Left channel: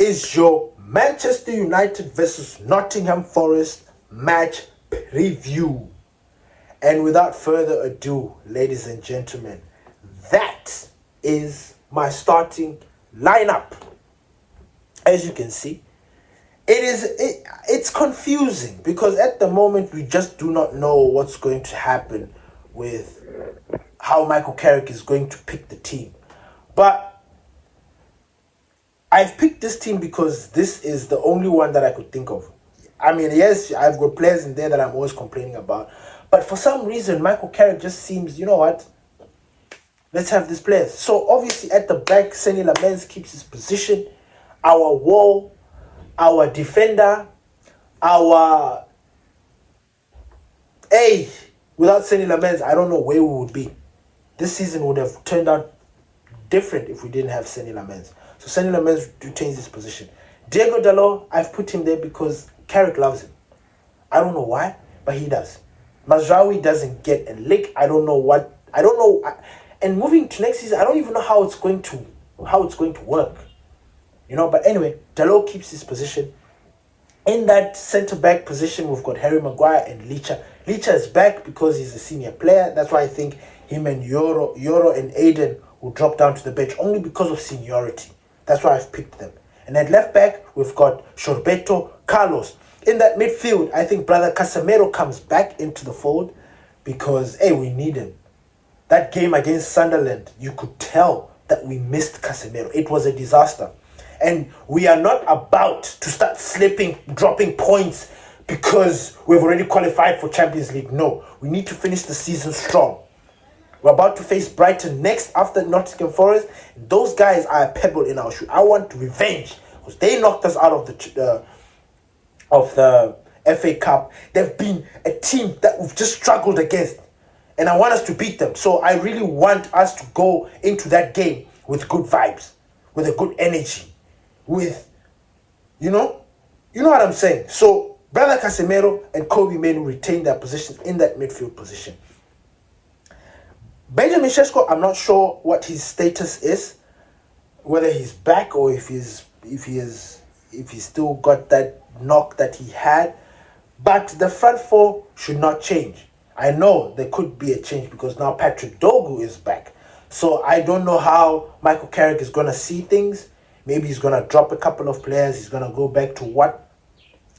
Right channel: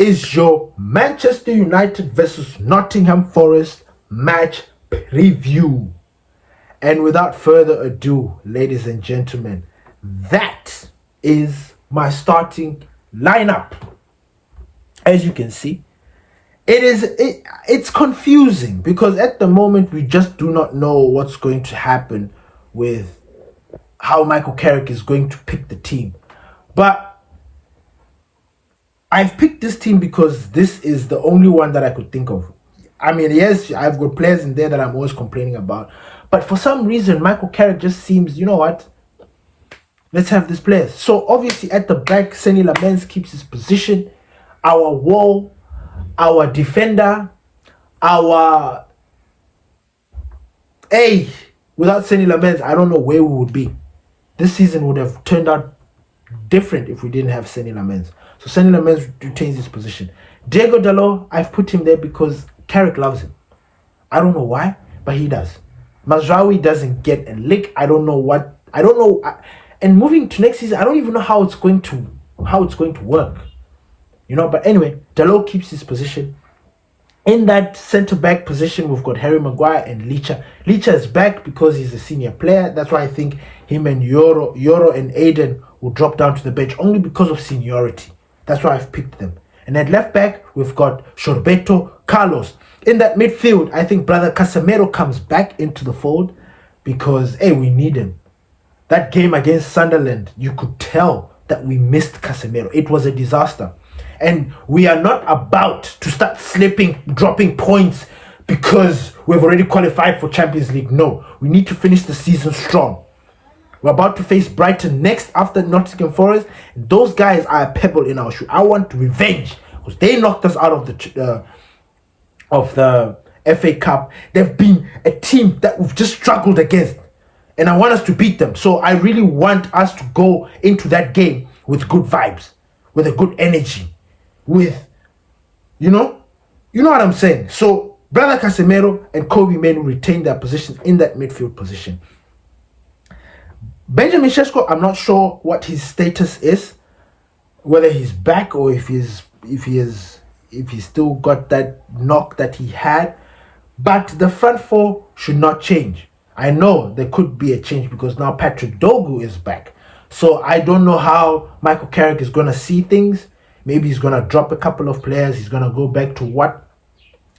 is your Manchester United versus Nottingham Forest match preview. And without further ado, ladies and gentlemen, that is my starting lineup. As you can see, it's confusing because at the moment we just do not know what's going to happen with how Michael Carrick is going to pick the team. But I've picked this team because this is the only one that I could think of. I mean, yes, I've got players in there that I'm always complaining about. But for some reason, Michael Carrick just seems, you know what? Let's have this player. So obviously at the back, Senny Lammens keeps his position. Our wall, our defender, our... Hey, without Senny Lammens, I don't know where we would be. This season would have turned out different if we didn't have Senny Lammens. So Senny Lammens retains his position. Diego Dalot, I've put him there because Carrick loves him. I don't know why, but he does. Mazraoui doesn't get a lick. I don't know. And moving to next season, I don't even know how it's going to work. You know, but anyway, Dalot keeps his position. In that centre-back position, we've got Harry Maguire and Licha. Licha is back because he's a senior player. That's why I think him and Yoro and Aiden will drop down to the bench only because of seniority. That's why I've picked them. And at left back, we've got Shorbeto, Carlos. In that midfield, I think brother Casemiro comes back into the fold because, hey, we need him. That game against Sunderland, you could tell that we missed Casemiro. It was a disaster. And we are not about to start dropping points because we've already qualified for Champions League. No, we need to finish the season strong. We're about to face Brighton next after Nottingham Forest. And those guys are a pebble in our shoe. I want revenge because they knocked us out of the FA Cup. They've been a team that we've just struggled against. And I want us to beat them. So I really want us to go into that game with good vibes, with a good energy, with, you know what I'm saying. So brother Casemiro and Kobe Mainoo retain their position in that midfield position. Benjamin Sesko, I'm not sure what his status is, whether he's back or if he's still got that knock that he had. But the front four should not change. I know there could be a change because now Patrick Dogu is back. So I don't know how Michael Carrick is going to see things. Maybe he's going to drop a couple of players. He's going to go back to what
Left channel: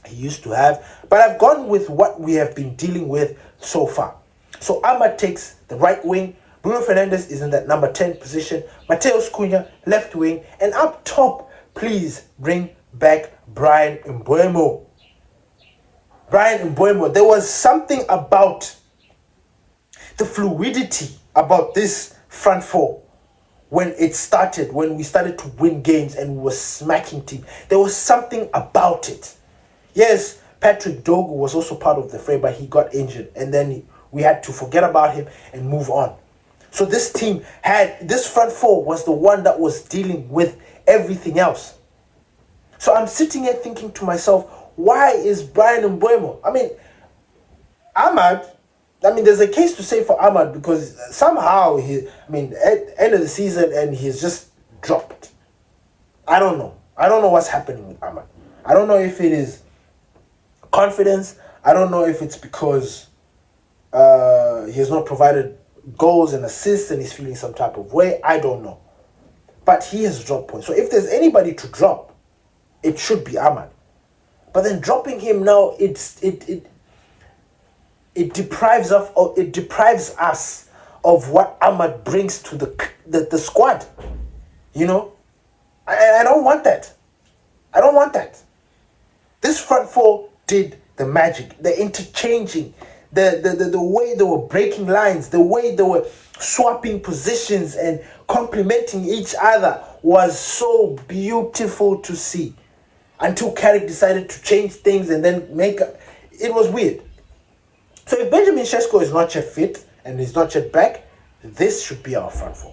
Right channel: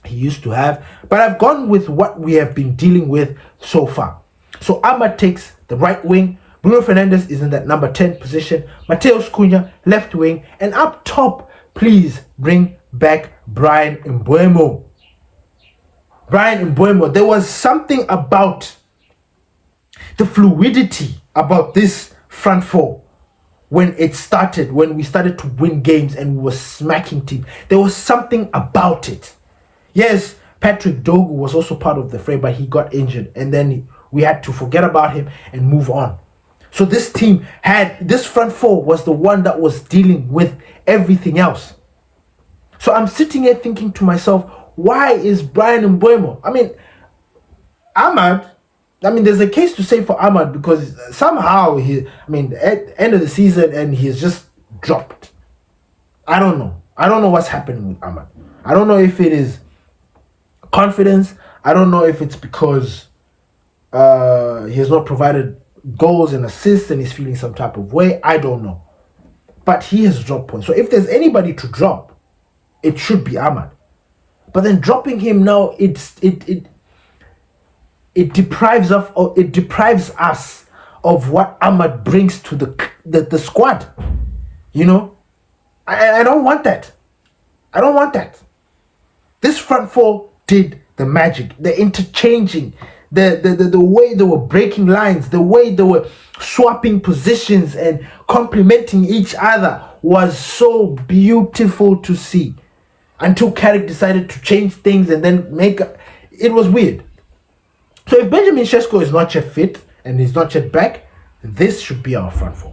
he used to have. But I've gone with what we have been dealing with so far. So Ahmad takes the right wing. Bruno Fernandes is in that number 10 position. Matheus Cunha, left wing. And up top, please bring back Bryan Mbeumo. Bryan Mbeumo, there was something about the fluidity about this front four when we started to win games and we were smacking teams. There was something about it. Yes, Patrick Dogu was also part of the fray, but he got injured. And then we had to forget about him and move on. So this front four was the one that was dealing with everything else. So I'm sitting here thinking to myself, why is Bryan Mbeumo? There's a case to say for Ahmad because somehow at the end of the season and he's just dropped. I don't know. I don't know what's happening with Ahmad. I don't know if it is confidence. I don't know if it's because he has not provided goals and assists and he's feeling some type of way. I don't know. But he has dropped points. So if there's anybody to drop, it should be Ahmad. But then dropping him now, it deprives us of what Ahmad brings to the squad. You know? I don't want that. I don't want that. This front four did the magic, the interchanging, the way they were breaking lines, the way they were swapping positions and complementing each other was so beautiful to see. Until Carrick decided to change things and then it was weird. So if Benjamin Sesko is not yet fit and he's not yet back, this should be our front four.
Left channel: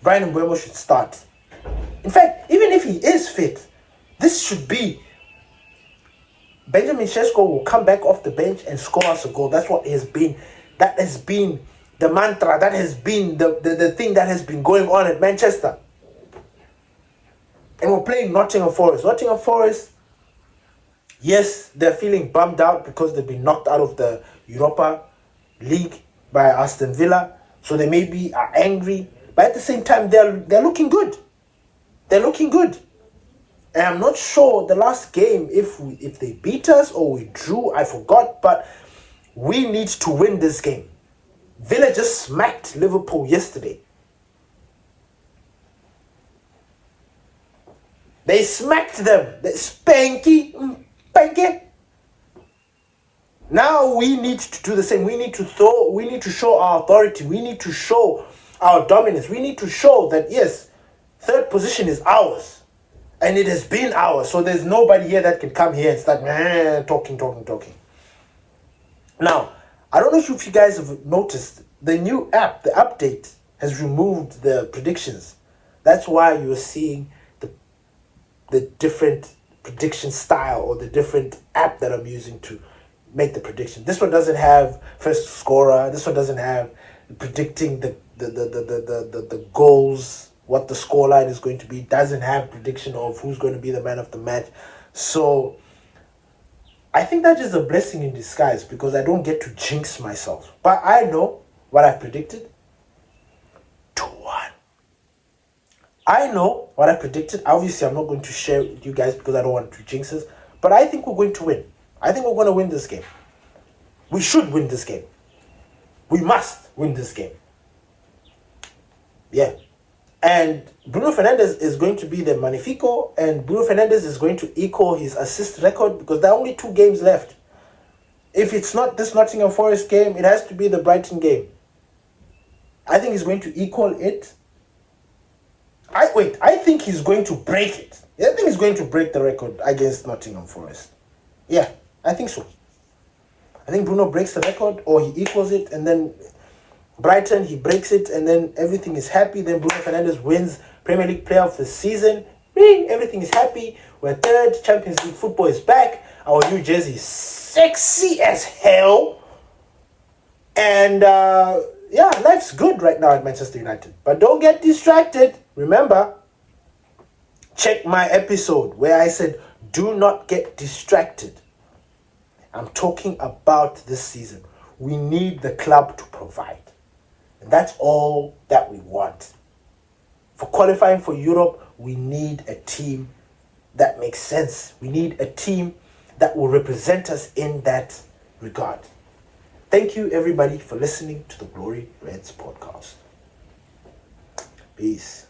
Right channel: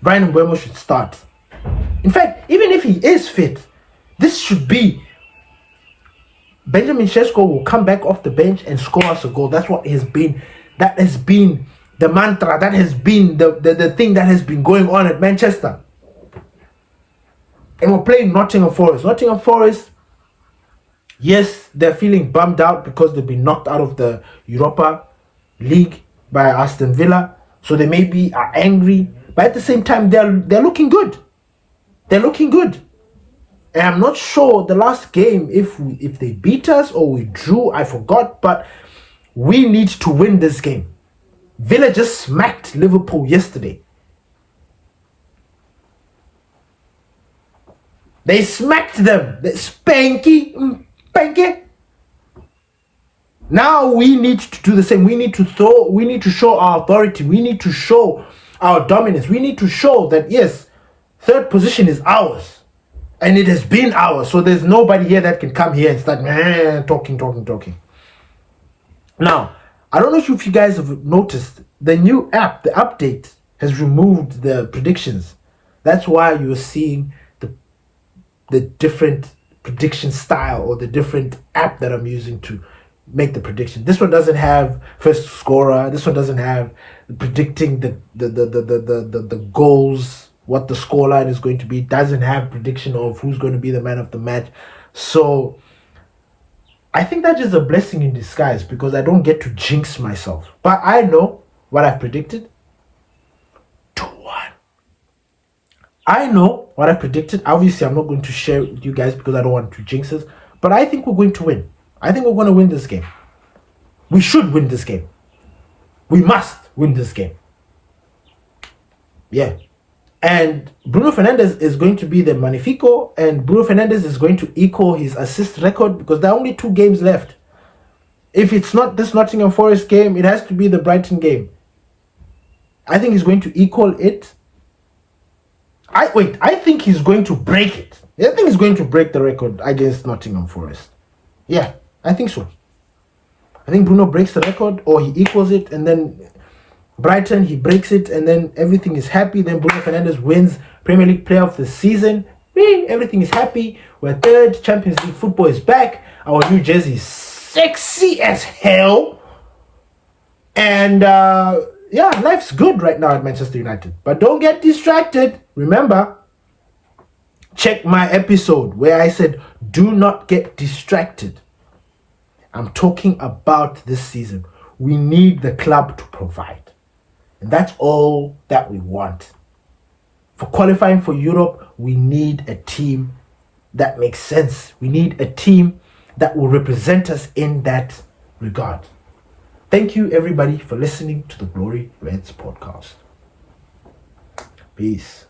Bryan Mbeumo should start. In fact, even if he is fit, this should be Benjamin Sesko will come back off the bench and score us a goal. That's what has been. That has been the mantra. That has been the thing that has been going on at Manchester. And we're playing Nottingham Forest. Nottingham Forest, yes, they're feeling bummed out because they've been knocked out of the Europa League by Aston Villa. So they maybe are angry. But at the same time, they're looking good. They're looking good. And I'm not sure the last game, if they beat us or we drew, I forgot. But we need to win this game. Villa just smacked Liverpool yesterday. They smacked them. Spanky. Now we need to do the same. We need to show our authority. We need to show our dominance. We need to show that, yes, third position is ours. And it has been ours. So there's nobody here that can come here and start talking. Now, I don't know if you guys have noticed, the new app, the update, has removed the predictions. That's why you're seeing the different prediction style or the different app that I'm using to make the prediction. This one doesn't have first scorer. This one doesn't have predicting the goals, what the scoreline is going to be. It doesn't have prediction of who's going to be the man of the match. So I think that is a blessing in disguise because I don't get to jinx myself. But I know what I've predicted. 2-1. I know what I predicted. Obviously, I'm not going to share it with you guys because I don't want to jinx us. But I think we're going to win. I think we're going to win this game. We should win this game. We must win this game. Yeah. And Bruno Fernandes is going to be the Magnifico. And Bruno Fernandes is going to equal his assist record because there are only 2 games left. If it's not this Nottingham Forest game, it has to be the Brighton game. I think he's going to equal it. I think he's going to break it. I think he's going to break the record against Nottingham Forest. Yeah, I think so. I think Bruno breaks the record or he equals it, and then Brighton, he breaks it, and then everything is happy. Then Bruno Fernandes wins Premier League Player of the Season. Everything is happy. We're third. Champions League football is back. Our new jersey is sexy as hell. And yeah, life's good right now at Manchester United. But don't get distracted. Remember, check my episode where I said, do not get distracted. I'm talking about this season. We need the club to provide. And that's all that we want. For qualifying for Europe, we need a team that makes sense. We need a team that will represent us in that regard. Thank you, everybody, for listening to the Glory Reds podcast. Peace.